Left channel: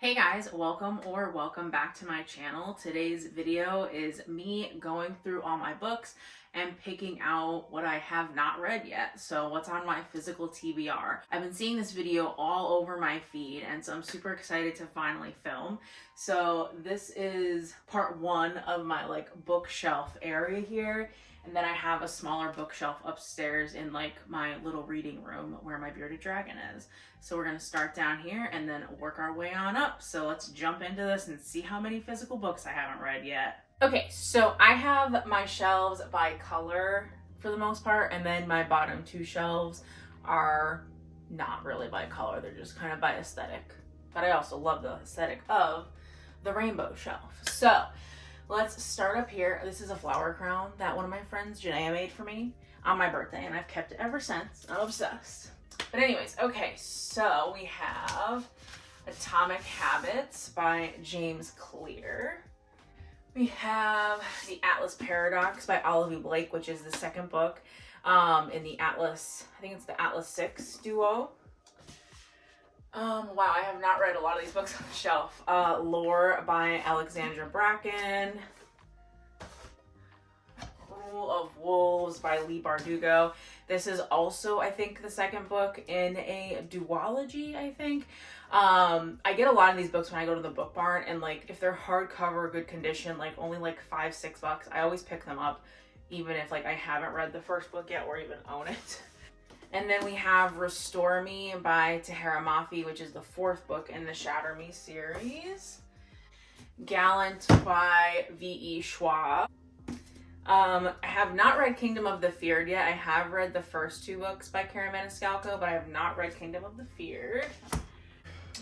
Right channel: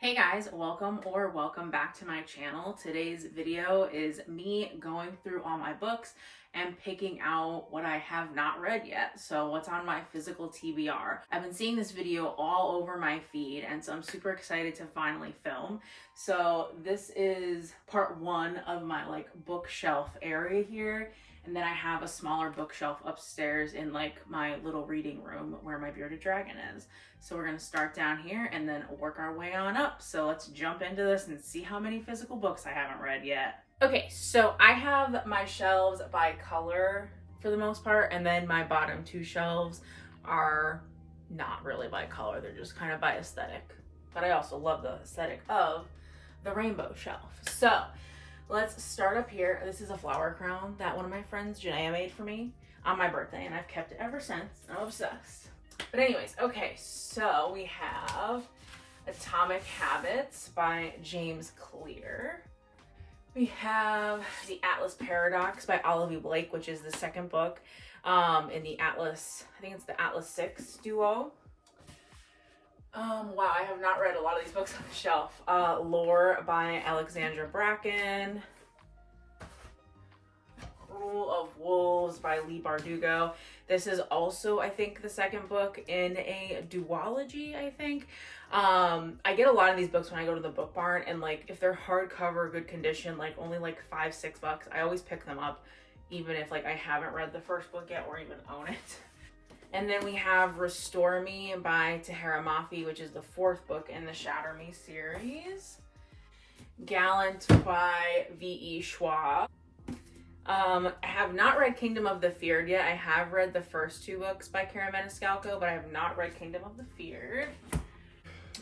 Hey guys, welcome back to my channel. Today's video is me going through all my books and picking out what I have not read yet. So what's on my physical TBR. I've been seeing this video all over my feed, and so I'm super excited to finally film. So this is part one of my bookshelf area here. And then I have a smaller bookshelf upstairs in my little reading room where my bearded dragon is. So we're gonna start down here and then work our way on up. So let's jump into this and see how many physical books I haven't read yet. Okay, so I have my shelves by color for the most part, and then my bottom two shelves are not really by color, they're just kind of by aesthetic. But I also love the aesthetic of the rainbow shelf. So let's start up here. This is a flower crown that one of my friends, Janaea, made for me on my birthday, and I've kept it ever since. I'm obsessed. But anyways, okay, so we have Atomic Habits by James Clear. We have The Atlas Paradox by Olivia Blake, which is the second book in the Atlas, I think it's the Atlas 6 duo. Wow, I have not read a lot of these books on the shelf. Lore by Alexandra Bracken. Rule of Wolves by Leigh Bardugo. This is also, I think, the second book in a duology, I think. I get a lot of these books when I go to the book barn, and if they're hardcover, good condition, only $5-6, I always pick them up, even if I haven't read the first book yet or even own it. And then we have Restore Me by Tahara Mafi, which is the fourth book in the Shatter Me series. Gallant by V.E. Schwab. I have not read Kingdom of the Feared yet. I have read the first two books by Karen Maniscalco, but I have not read Kingdom of the Feared.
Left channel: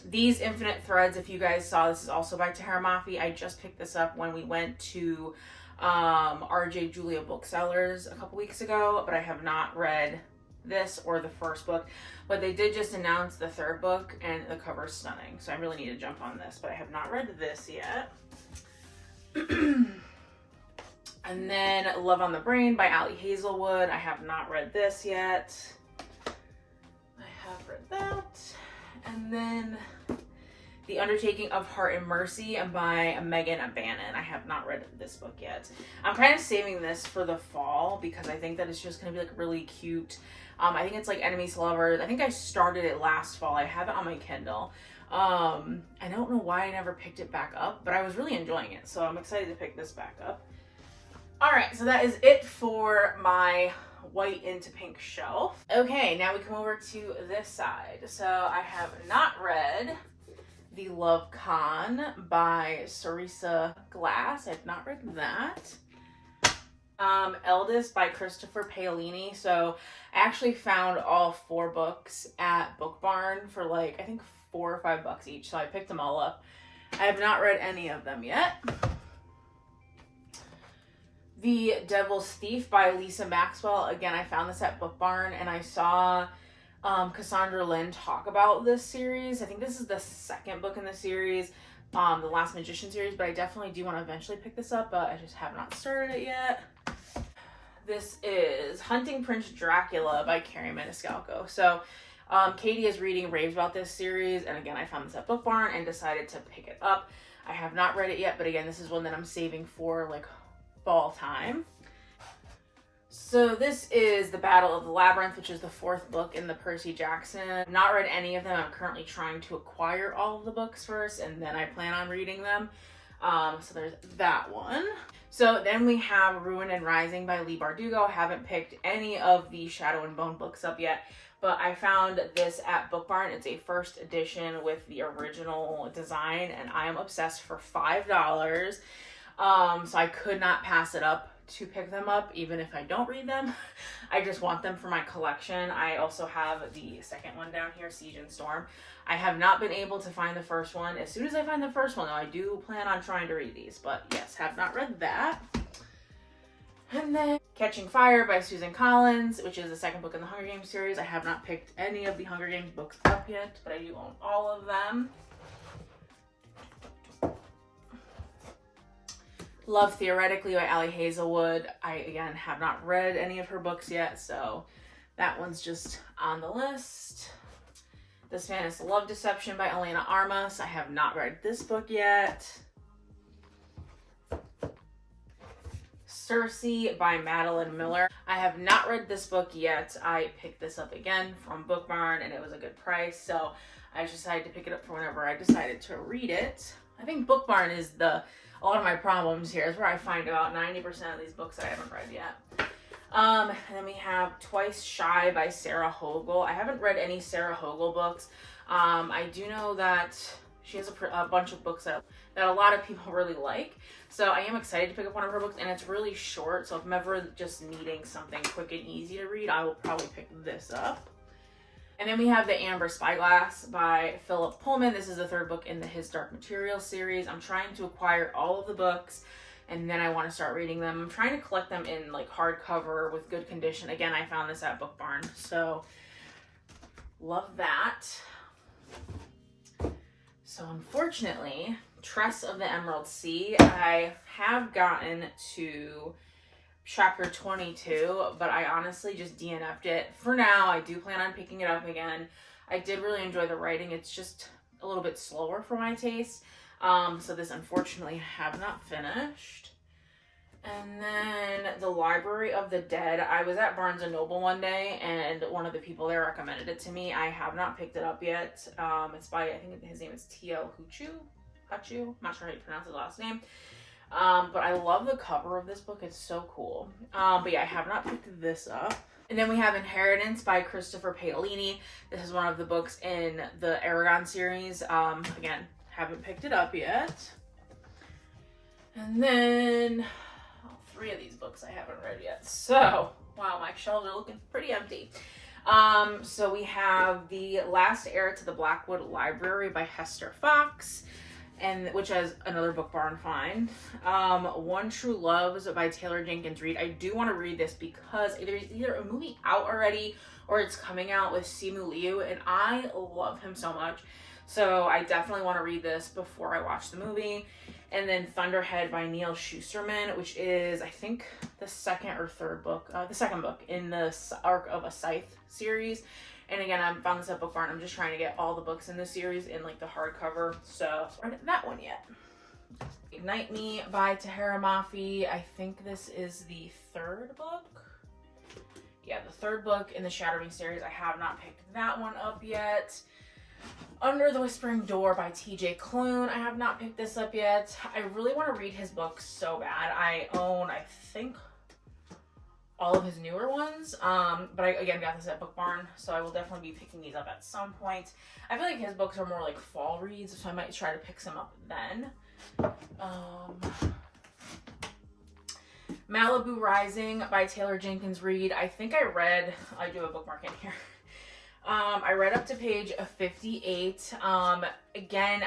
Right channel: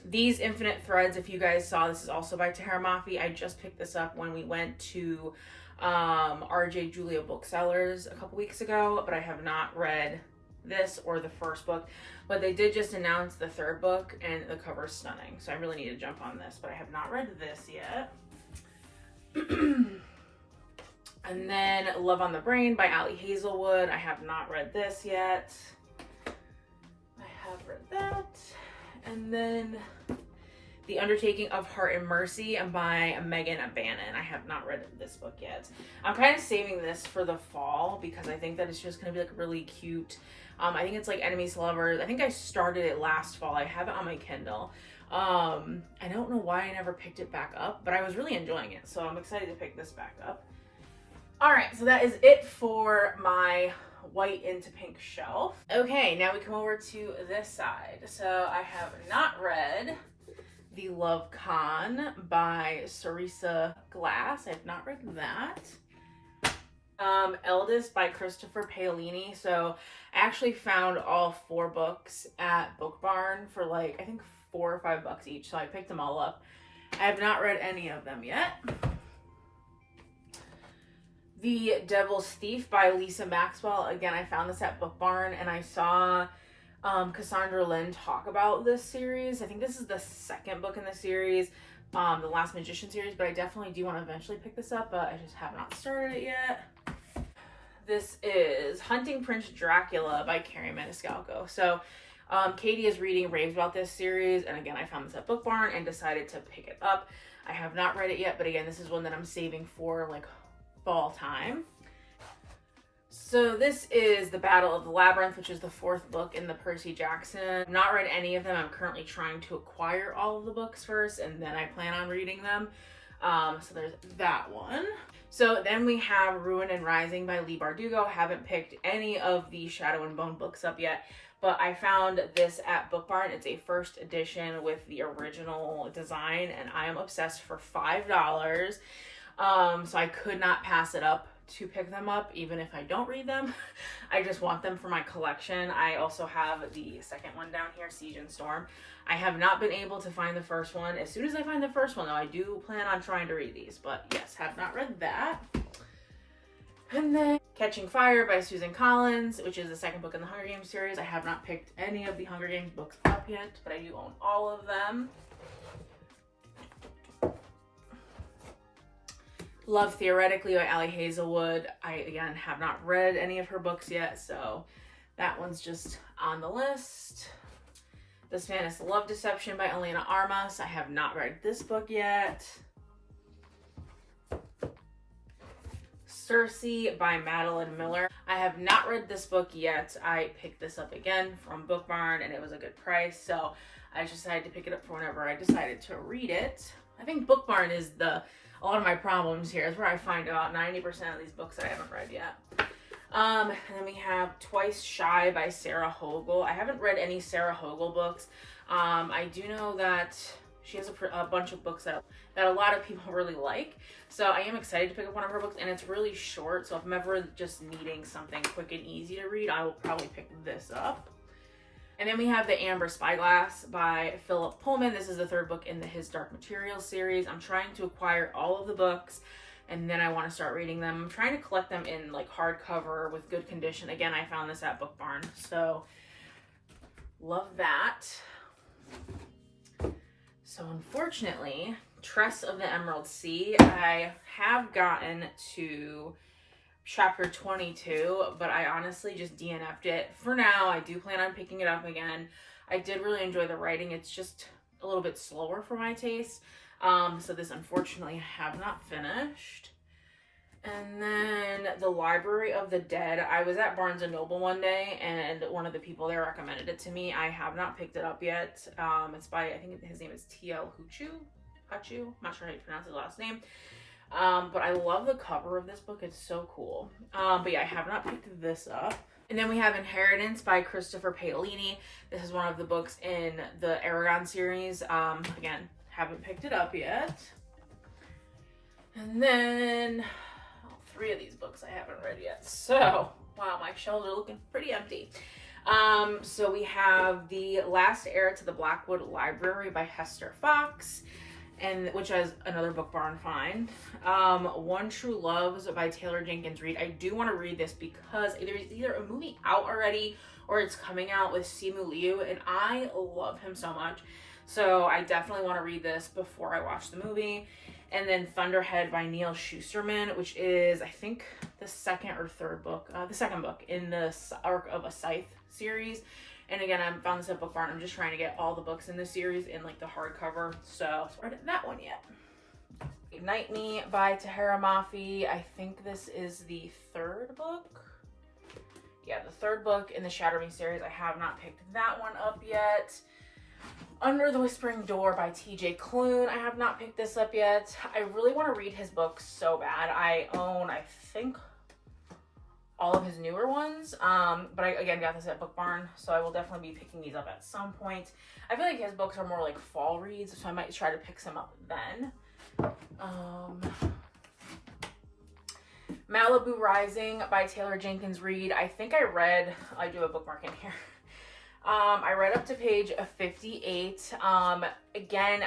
These Infinite Threads, if you guys saw, this is also by Tahara Mafi. I just picked this up when we went to RJ Julia Booksellers a couple weeks ago, but I have not read this or the first book, but they did just announce the third book and the cover is stunning, so I really need to jump on this, but I have not read this yet. And then Love on the Brain by Ali Hazelwood. I have not read this yet. I have read that. And then The Undertaking of Heart and Mercy by Megan Bannon. I have not read this book yet. I'm kind of saving this for the fall because I think that it's just going to be really cute. I think it's Enemies to Lovers. I think I started it last fall. I have it on my Kindle. I don't know why I never picked it back up, but I was really enjoying it. So I'm excited to pick this back up. All right, so that is it for my white into pink shelf. Okay, now we come over to this side. So I have not read The Love Con by Sarisa Glass. I have not read that. Eldest by Christopher Paolini. So I actually found all 4 books at Book Barn for I think $4 or $5 each. So I picked them all up. I have not read any of them yet. The Devil's Thief by Lisa Maxwell. Again, I found this at Book Barn, and I saw Cassandra Lynn talk about this series. I think this is the second book in the series, the Last Magician series, but I definitely do want to eventually pick this up, but I just have not started it yet. This is Hunting Prince Dracula by Karen Maniscalco. So Katie is reading raves about this series, and again, I found this at Book Barn and decided to pick it up. I have not read it yet, but again, this is one that I'm saving for fall time. So this is The Battle of the Labyrinth, which is the 4th book in the Percy Jackson. I've not read any of them. I'm currently trying to acquire all of the books first, and then I plan on reading them. So there's that one. So then we have Ruin and Rising by Leigh Bardugo. I haven't picked any of the Shadow and Bone books up yet, but I found this at Book Barn. It's a first edition with the original design, and I am obsessed for $5. So I could not pass it up to pick them up, even if I don't read them. I just want them for my collection. I also have the second one down here, Siege and Storm. I have not been able to find the first one. As soon as I find the first one, though, I do plan on trying to read these, but yes, have not read that. And then Catching Fire by Susan Collins, which is the second book in the Hunger Games series. I have not picked any of the Hunger Games books up yet, but I do own all of them. Love Theoretically by Ali Hazelwood. I, again, have not read any of her books yet, so that one's just on the list. The Spanish Love Deception by Elena Armas. I have not read this book yet. Circe by Madeline Miller. I have not read this book yet. I picked this up again from Book Barn and it was a good price, so I just decided to pick it up for whenever I decided to read it. I think Book Barn is a lot of my problems here. Is where I find about 90% of these books that I haven't read yet. And then we have Twice Shy by Sarah Hogle. I haven't read any Sarah Hogle books. I do know that she has a bunch of books that a lot of people really like. So I am excited to pick up one of her books, and it's really short. So if I'm ever just needing something quick and easy to read, I will probably pick this up. And then we have The Amber Spyglass by Philip Pullman. This is the third book in the His Dark Materials series. I'm trying to acquire all of the books, and then I want to start reading them. I'm trying to collect them in like hardcover with good condition. Again, I found this at Book Barn, so love that. So unfortunately, Tress of the Emerald Sea, I have gotten to chapter 22, but I honestly just DNF'd it. For now, I do plan on picking it up again. I did really enjoy the writing. It's just a little bit slower for my taste. So this unfortunately I have not finished. And then The Library of the Dead. I was at Barnes & Noble one day and one of the people there recommended it to me. I have not picked it up yet. It's by, I think his name is T.O. Hachu. I'm not sure how you pronounce his last name. But I love the cover of this book. It's so cool. But yeah, I have not picked this up. And then we have Inheritance by Christopher Paolini. This is one of the books in the Aragon series. Again, haven't picked it up yet. And then three of these books I haven't read yet. So, wow, my shelves are looking pretty empty. So we have The Last Heir to the Blackwood Library by Hester Fox, and which has another Book Barn find. One True Loves by Taylor Jenkins Reid. I do want to read this because there's either a movie out already or it's coming out with Simu Liu, and I love him so much. So I definitely want to read this before I watch the movie. And then Thunderhead by Neil Schusterman, which is, I think, the second book in the Arc of a Scythe series. And again, I found this at Book Barn. I'm just trying to get all the books in this series in like the hardcover. So I haven't read that one yet. Ignite Me by Tahara Mafi. I think this is the third book. Yeah, the third book in the Shatter Me series. I have not picked that one up yet. Under the Whispering Door by TJ Klune. I have not picked this up yet. I really want to read his books so bad. I own, I think, all of his newer ones. But I, again, got this at Book Barn, so I will definitely be picking these up at some point. I feel like his books are more like fall reads, so I might try to pick some up then. Malibu Rising by Taylor Jenkins Reid. I think I do have a bookmark in here. I read up to page 58. Again,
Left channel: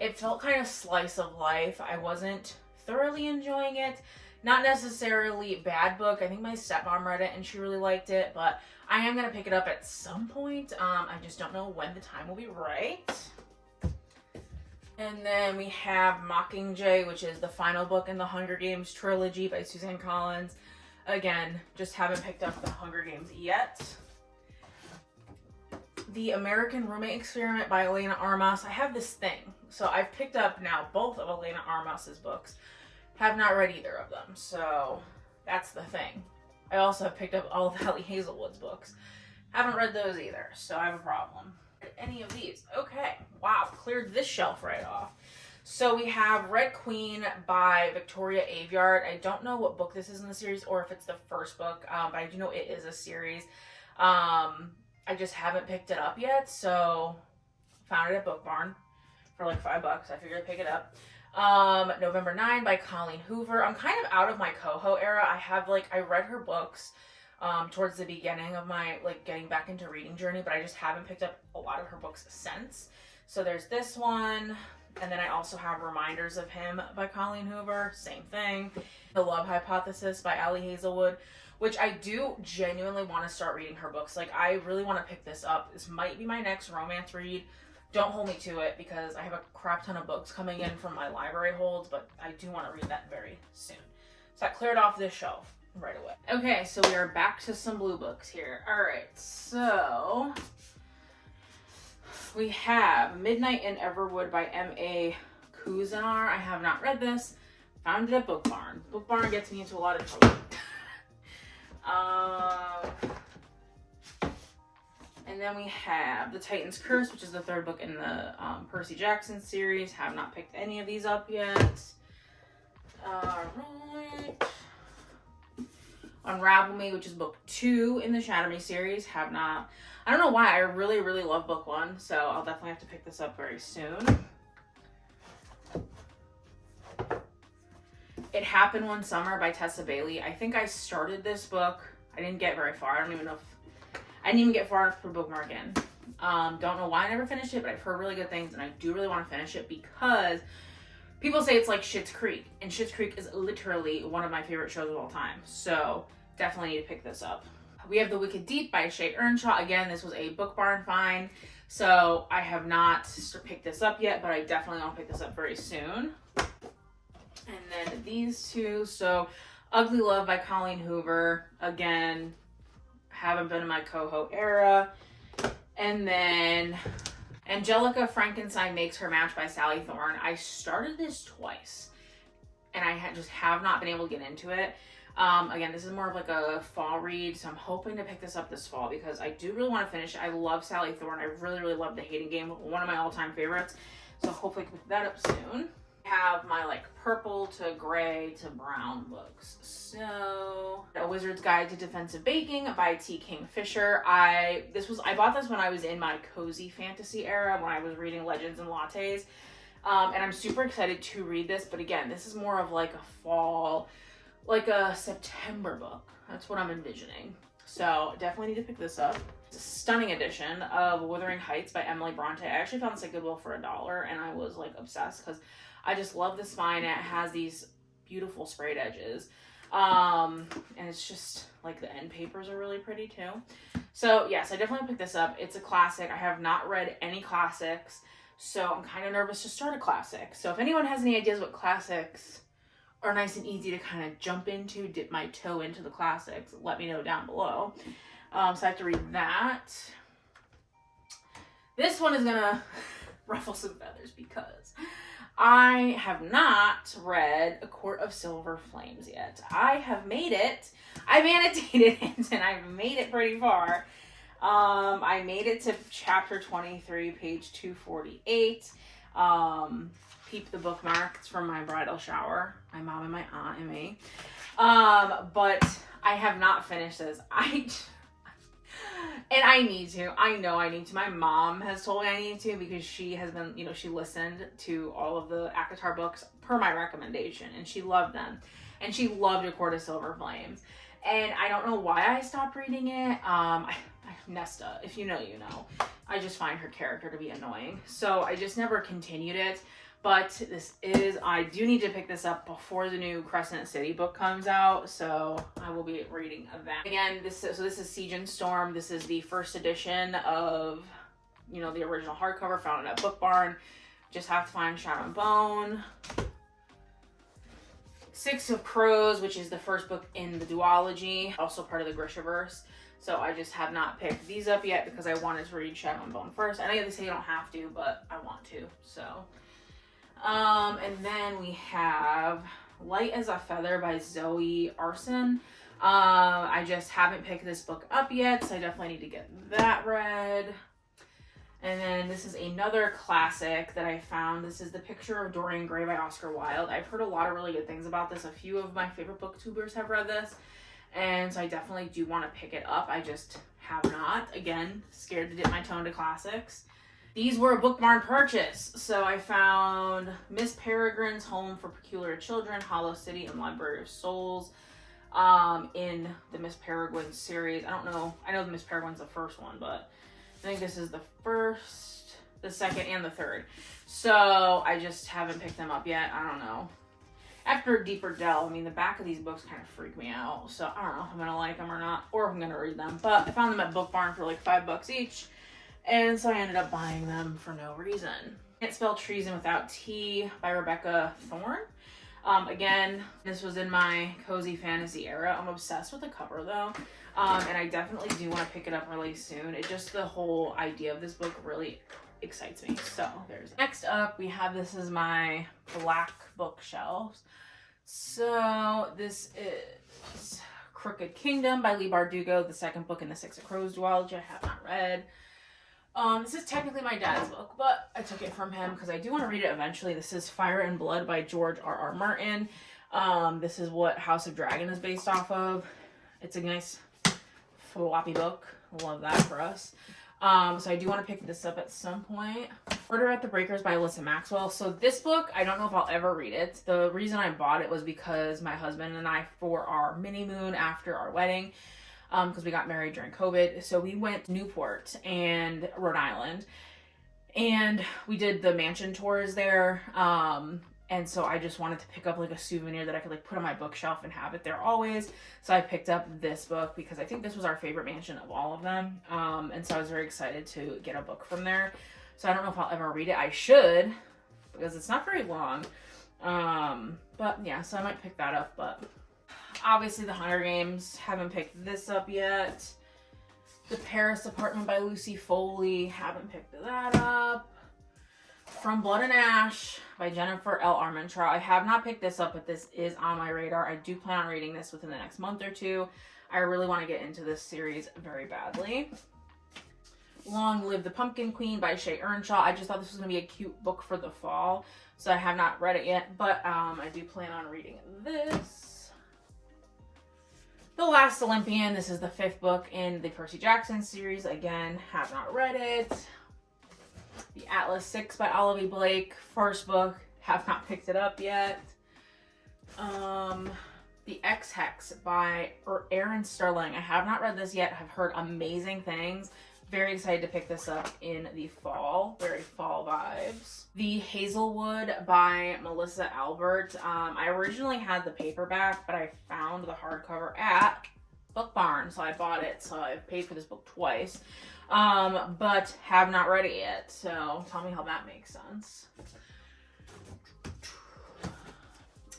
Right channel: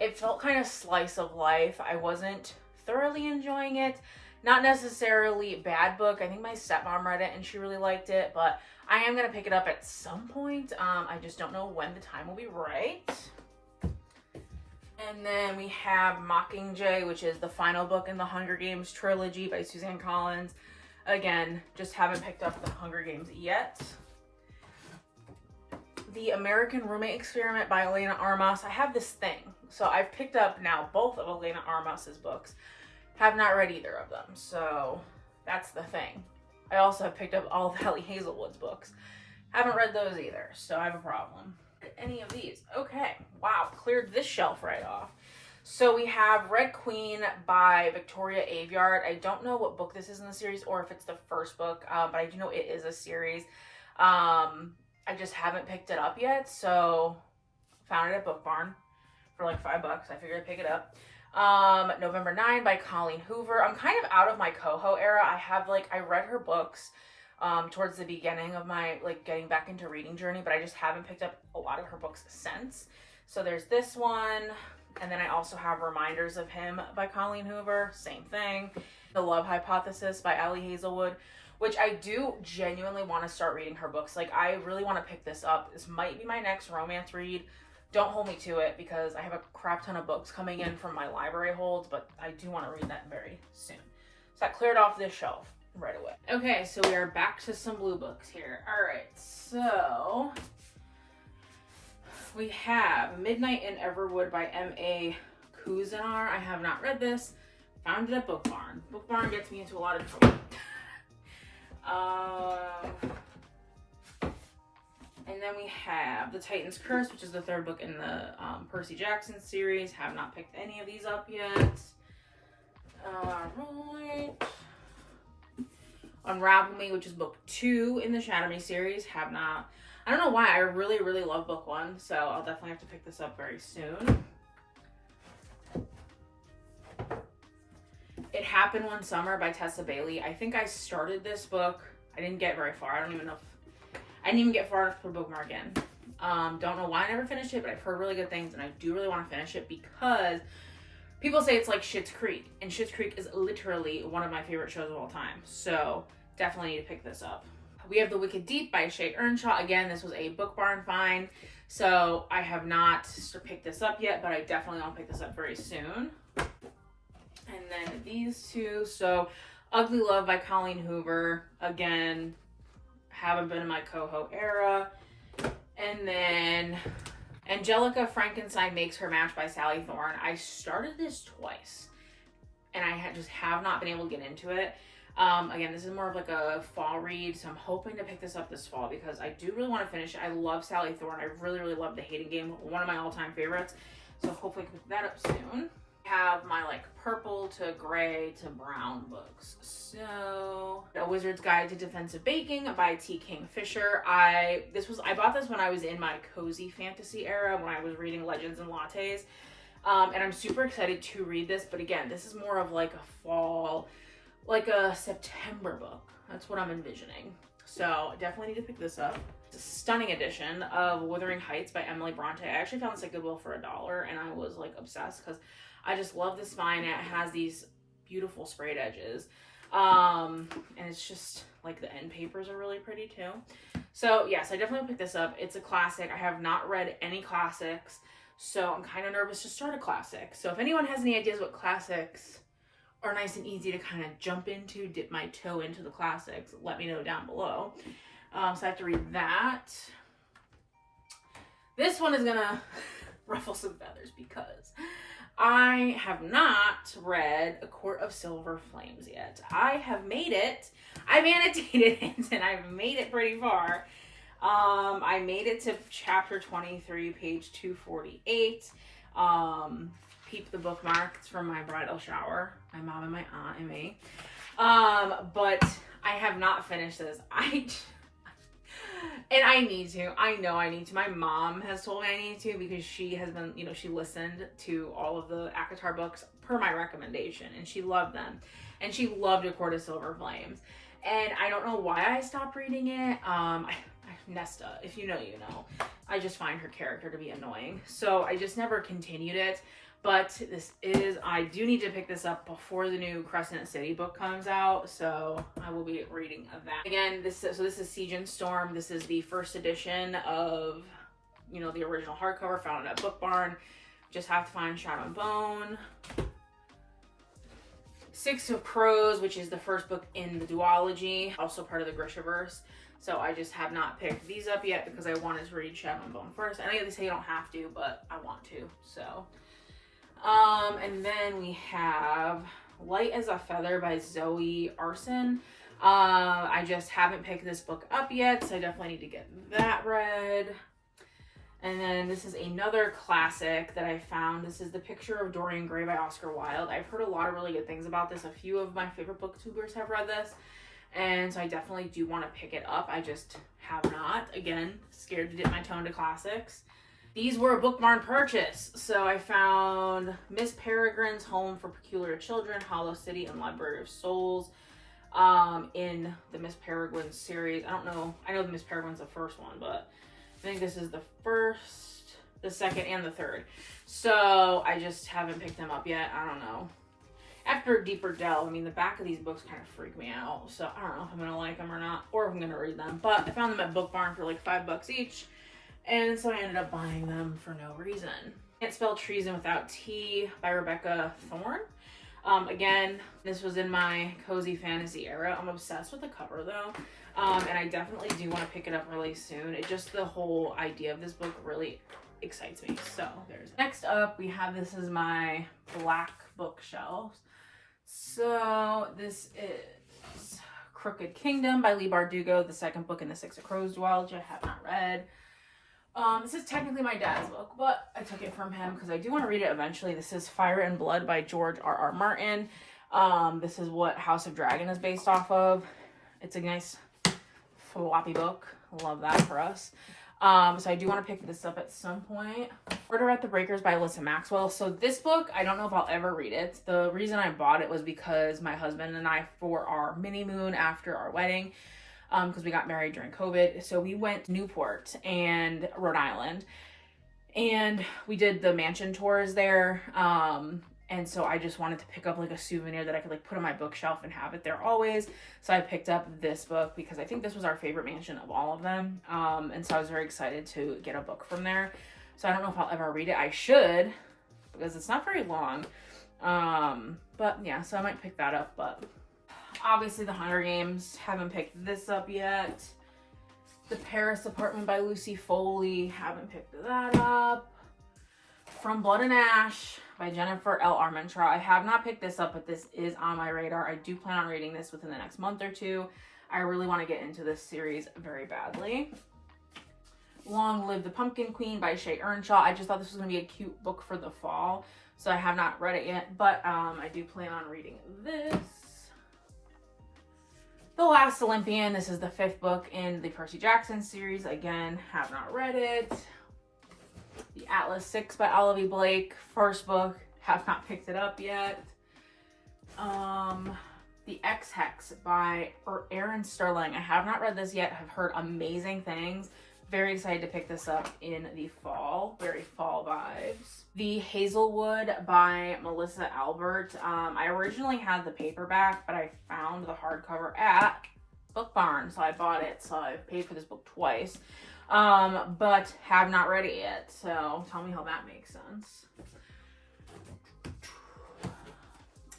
it felt kind of slice of life. I wasn't thoroughly enjoying it. Not necessarily bad book. I think my stepmom read it and she really liked it, but I am going to pick it up at some point. I just don't know when the time will be right. And then we have Mockingjay, which is the final book in the Hunger Games trilogy by Suzanne Collins. Again, just haven't picked up the Hunger Games yet. The American Roommate Experiment by Elena Armas. I have this thing. So I've picked up now both of Elena Armas's books. Have not read either of them. So that's the thing. I also have picked up all of Ellie Hazelwood's books. Haven't read those either. So I have a problem. Any of these. Okay. Wow. Cleared this shelf right off. So we have Red Queen by Victoria Aveyard. I don't know what book this is in the series or if it's the first book, but I do know it is a series. I just haven't picked it up yet, so found it at Book Barn for like $5. I figured I'd pick it up. November 9 by Colleen Hoover. I'm kind of out of my Coho era. I read her books towards the beginning of my getting back into reading journey, but I just haven't picked up a lot of her books since. So there's this one, and then I also have Reminders of Him by Colleen Hoover. Same thing. The Love Hypothesis by Ellie Hazelwood, which I do genuinely want to start reading her books. I really want to pick this up. This might be my next romance read. Don't hold me to it because I have a crap ton of books coming in from my library holds, but I do want to read that very soon. So that cleared off this shelf right away. Okay, so we are back to some blue books here. All right, so we have Midnight in Everwood by M.A. Kuzanar. I have not read this. Found it at Book Barn. Book Barn gets me into a lot of trouble. And then we have The Titan's Curse, which is the third book in the Percy Jackson series. Have not picked any of these up yet. Alright. Unravel Me, which is book 2 in the Shatter Me series. Have not. I don't know why. I really, really love book 1, so I'll definitely have to pick this up very soon. It Happened One Summer by Tessa Bailey. I think I started this book. I didn't get very far. I don't even know if I didn't even get far enough to put bookmark in. Don't know why I never finished it, but I've heard really good things, and I do really want to finish it because people say it's like Schitt's Creek, and Schitt's Creek is literally one of my favorite shows of all time. So definitely need to pick this up. We have The Wicked Deep by Shay Earnshaw. Again, this was a Book Barn find, so I have not picked this up yet, but I definitely want to pick this up very soon. And then these two. So Ugly Love by Colleen Hoover. Again, haven't been in my Coho era. And then Angelica Frankenstein Makes Her Match by Sally Thorne. I started this twice, and I just have not been able to get into it. Again, this is more of like a fall read, so I'm hoping to pick this up this fall because I do really want to finish it. I love Sally Thorne. I really, really love The Hating Game. One of my all-time favorites. So hopefully I can pick that up soon. I have my like purple to gray to brown books. So A Wizard's Guide to Defensive Baking by T. Kingfisher. I bought this when I was in my cozy fantasy era, when I was reading Legends and Lattes. And I'm super excited to read this, but again, this is more of like a fall, like a September book. That's what I'm envisioning. So definitely need to pick this up. It's a stunning edition of Wuthering Heights by Emily Bronte. I actually found this at Goodwill for $1, and I was like obsessed because I just love the spine. It has these beautiful sprayed edges. And it's just like the end papers are really pretty too. So yes, I definitely picked this up. It's a classic. I have not read any classics, so I'm kind of nervous to start a classic. So if anyone has any ideas what classics are nice and easy to kind of jump into, dip my toe into the classics, let me know down below. So I have to read that. This one is gonna ruffle some feathers because I have not read A Court of Silver Flames yet. I have made it. I've annotated it and I've made it pretty far. I made it to chapter 23, page 248. Peep the bookmark. It's from my bridal shower. My mom and my aunt and me. But I have not finished this. And I need to. I know I need to. My mom has told me I need to because she has been, she listened to all of the ACOTAR books per my recommendation, and she loved them. And she loved A Court of Silver Flames. And I don't know why I stopped reading it. Nesta, if you know, you know. I just find her character to be annoying. So I just never continued it. But I do need to pick this up before the new Crescent City book comes out, so I will be reading that. Again, this is Siege and Storm. This is the first edition of, the original hardcover, found it at Book Barn. Just have to find Shadow and Bone. Six of Crows, which is the first book in the duology, also part of the Grishaverse. So I just have not picked these up yet because I wanted to read Shadow and Bone first. I know they say you don't have to, but I want to, so. And then we have Light as a Feather by Zoe Arson. I just haven't picked this book up yet, so I definitely need to get that read. And then this is another classic that I found. This is The Picture of Dorian Gray by Oscar Wilde. I've heard a lot of really good things about this. A few of my favorite booktubers have read this, and so I definitely do want to pick it up. I just have not. Again, scared to dip my toe into classics. These were a Book Barn purchase. So I found Miss Peregrine's Home for Peculiar Children, Hollow City, and Library of Souls in the Miss Peregrine series. I don't know. I know the Miss Peregrine's the first one, but I think this is the first, the second, and the third. So I just haven't picked them up yet. I don't know. After a deeper delve, the back of these books kind of freak me out. So I don't know if I'm going to like them or not, or if I'm going to read them. But I found them at Book Barn for like $5 each. And so I ended up buying them for no reason. Can't Spell Treason Without Tea by Rebecca Thorne. Again, this was in my cozy fantasy era. I'm obsessed with the cover though. And I definitely do want to pick it up really soon. It just, the whole idea of this book really excites me. So there's, next up we have, this is my black bookshelves. So this is Crooked Kingdom by Leigh Bardugo, the second book in the Six of Crows duology I have not read. This is technically my dad's book, but I took it from him because I do want to read it eventually. This is Fire and Blood by George R.R. Martin. This is what House of Dragon is based off of. It's a nice floppy book. Love that for us. So I do want to pick this up at some point. Murder at the Breakers by Alyssa Maxwell. So this book, I don't know if I'll ever read it. The reason I bought it was because my husband and I, for our mini moon after our wedding, because we got married during COVID. So we went to Newport and Rhode Island, and we did the mansion tours there. And so I just wanted to pick up like a souvenir that I could like put on my bookshelf and have it there always. So I picked up this book because I think this was our favorite mansion of all of them. And so I was very excited to get a book from there. So I don't know if I'll ever read it. I should, because it's not very long. But yeah, so I might pick that up, but obviously The Hunger Games, haven't picked this up yet. The Paris Apartment by Lucy Foley, haven't picked that up. From Blood and Ash by Jennifer L. Armentrout. I have not picked this up, but this is on my radar. I do plan on reading this within the next month or two. I really want to get into this series very badly. Long Live the Pumpkin Queen by Shay Earnshaw. I just thought this was going to be a cute book for the fall, so I have not read it yet, but I do plan on reading this. The Last Olympian. This is the 5th book in the Percy Jackson series. Again, have not read it. The Atlas 6 by Olivia Blake. First book. Have not picked it up yet. The X-Hex by Erin Sterling. I have not read this yet. I've heard amazing things. Very excited to pick this up in the fall. Very fall vibes. The Hazelwood by Melissa Albert. I originally had the paperback, but I found the hardcover at Book Barn, so I bought it. So I paid for this book twice, but have not read it yet. So tell me how that makes sense.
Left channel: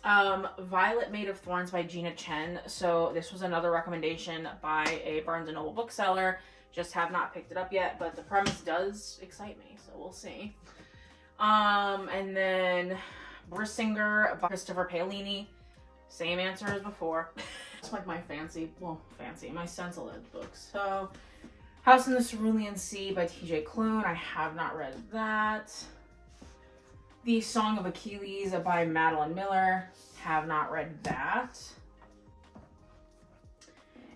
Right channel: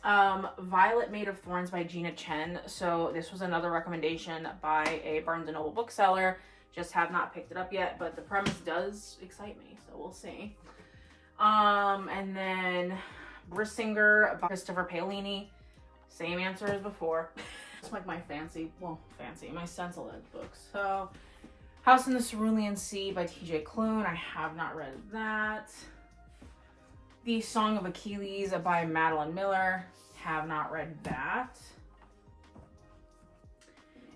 Violet Made of Thorns by Gina Chen. So this was another recommendation by a Barnes & Noble bookseller. Just have not picked it up yet, but the premise does excite me, so we'll see. And then Brissinger by Christopher Paolini. Same answer as before. It's like my my stencil edge books. So House in the Cerulean Sea by T.J. Klune. I have not read that. The Song of Achilles by Madeline Miller. Have not read that.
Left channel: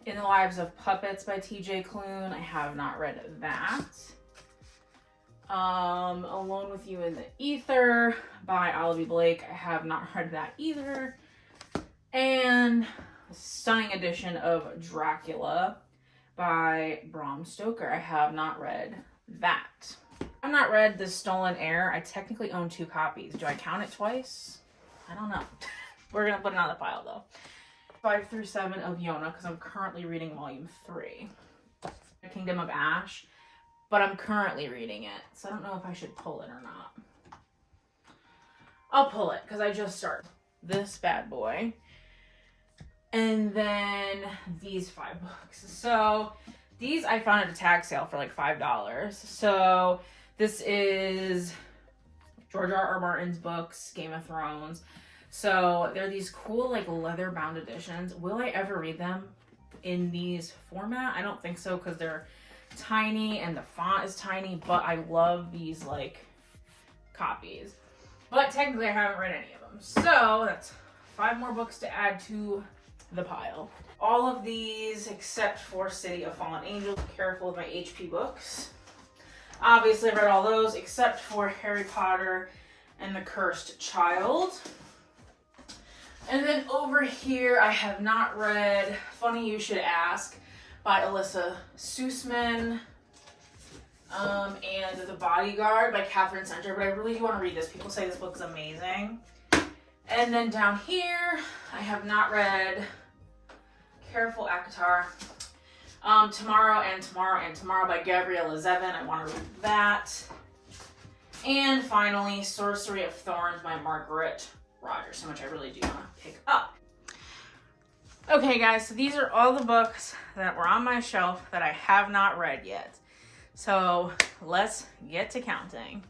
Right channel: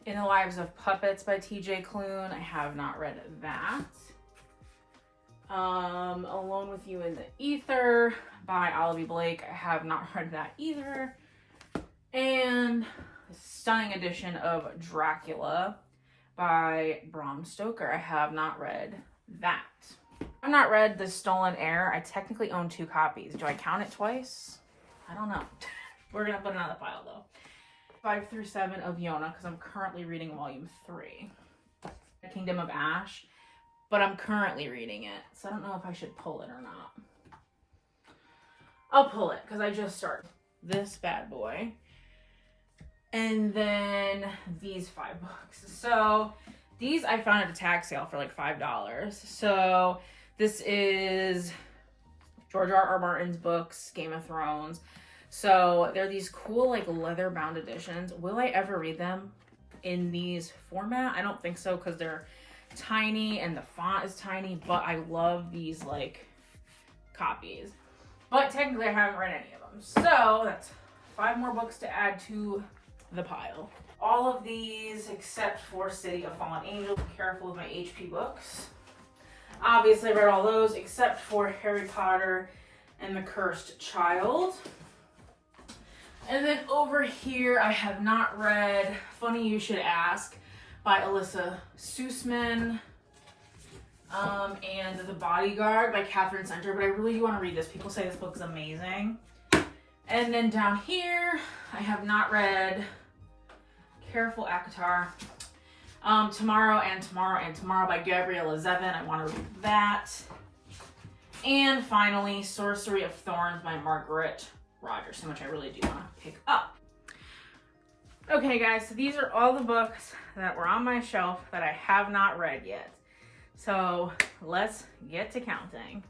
In the Lives of Puppets by T.J. Klune. I have not read that. Alone with You in the Ether by Olivia Blake. I have not read that either. And a stunning edition of Dracula by Bram Stoker. I have not read that. I've not read The Stolen Heir. I technically own 2 copies. Do I count it twice? I don't know. We're going to put it on the pile though. 5 through 7 of Yona, because I'm currently reading volume 3. The Kingdom of Ash, but I'm currently reading it, so I don't know if I should pull it or not. I'll pull it, because I just started this bad boy. And then these 5 books. So these I found at a tag sale for like $5. So this is George R.R. Martin's books, Game of Thrones. So they're these cool like leather bound editions. Will I ever read them in these format? I don't think so, because they're tiny and the font is tiny, but I love these like copies. But technically I haven't read any of them. So that's 5 more books to add to the pile. All of these except for City of Fallen Angels. Careful with my HP books. Obviously I read all those except for Harry Potter and the Cursed Child. And then over here, I have not read Funny You Should Ask by Alyssa Sussman, and The Bodyguard by Catherine Center, but I really do want to read this. People say this book is amazing. And then down here, I have not read Careful Akatar, Tomorrow and Tomorrow and Tomorrow by Gabriella Zevin. I want to read that. And finally, Sorcery of Thorns by Margaret Rogers, which I really do want to pick up. Okay guys, so these are all the books that were on my shelf that I have not read yet. So let's get to counting.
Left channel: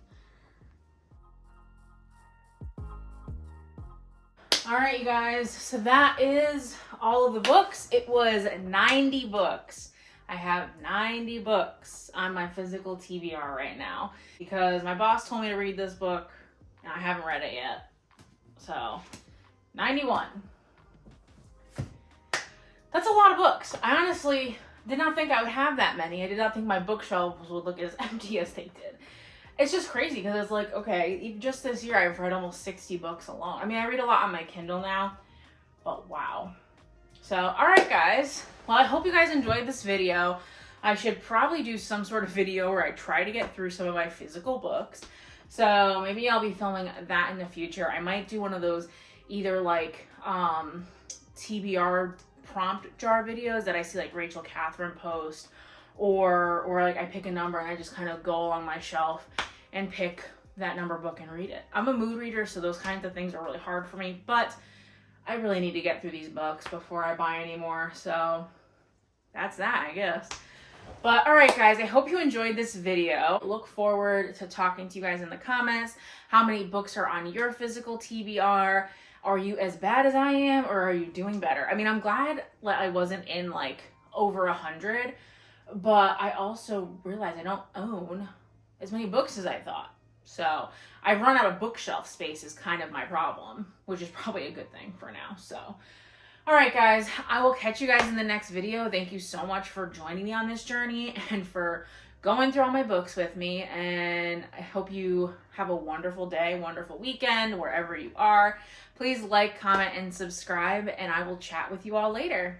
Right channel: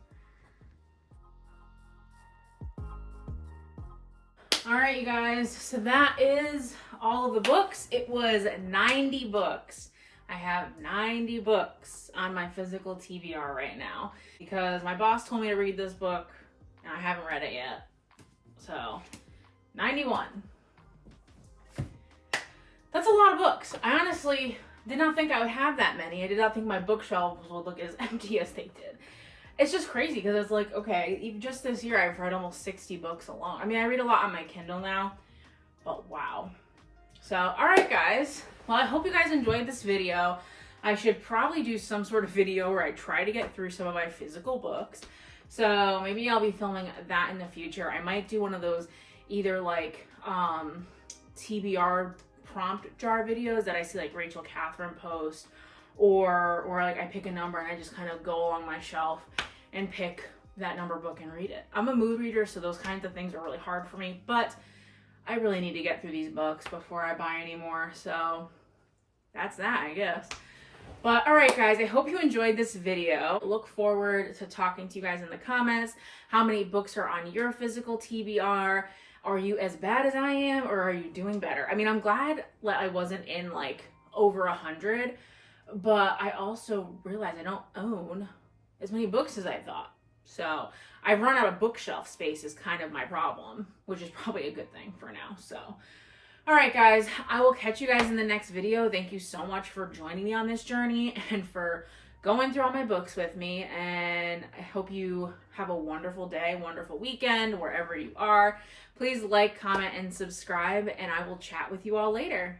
All right, you guys, so that is all of the books. It was 90 books. I have 90 books on my physical TBR right now because my boss told me to read this book and I haven't read it yet. So 91. That's a lot of books. I honestly did not think I would have that many. I did not think my bookshelves would look as empty as they did. It's just crazy because it's like, okay, just this year I've read almost 60 books alone. I mean, I read a lot on my Kindle now, but wow. So, all right, guys. Well, I hope you guys enjoyed this video. I should probably do some sort of video where I try to get through some of my physical books. So maybe I'll be filming that in the future. I might do one of those either like TBR prompt jar videos that I see like Rachel Catherine post, or like I pick a number and I just kind of go along my shelf and pick that number book and read it. I'm a mood reader, so those kinds of things are really hard for me, but I really need to get through these books before I buy any more. So that's that, I guess. But all right, guys, I hope you enjoyed this video. Look forward to talking to you guys in the comments. How many books are on your physical TBR? Are you as bad as I am, or are you doing better? I mean, I'm glad that I wasn't in like over 100, but I also realized I don't own as many books as I thought. So I've run out of bookshelf space is kind of my problem, which is probably a good thing for now. So, all right, guys, I will catch you guys in the next video. Thank you so much for joining me on this journey and for going through all my books with me. And I hope you have a wonderful day, wonderful weekend, wherever you are. Please like, comment, and subscribe, and I will chat with you all later.